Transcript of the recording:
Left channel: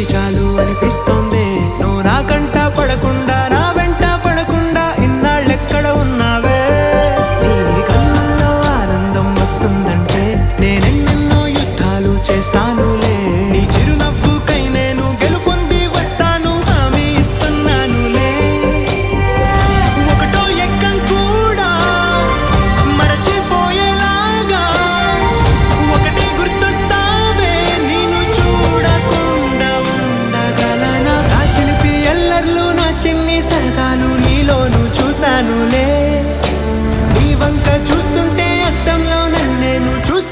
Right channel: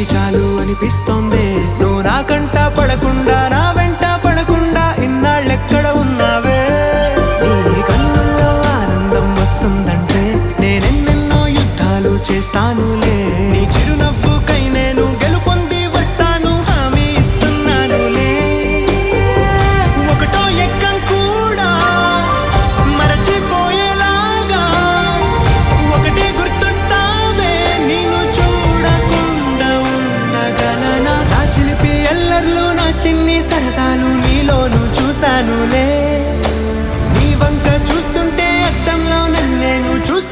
ఇది చాలు అనిపిస్తోంది. నువ్వు నా కంట పడకుండా నా వెంట పడకుండా ఇన్నాళ్ళెక్కడ ఉన్నావే. నీ కళ్ళల్లో ఆనందం వస్తుందంటే నేనెన్నెన్నో యుద్ధాలు చేస్తానులే. నీ చిరునవ్వుకై నేను గెలుపొంది వస్తాను, హామీ ఇస్తున్నానులే. ఒకటో ఎక్కం కూడా మరచిపోయేలాగా ఒకటే గుర్తొస్తావే. నేను చూడకుండా ఉండగలనా? నా చిలిపి ఎల్లర్లు నా చిన్ని సరదాలు నీలోను చూశానులే. నీ వంక చూస్తుంటే అద్దంలో నన్ను నేను చూస్తాను.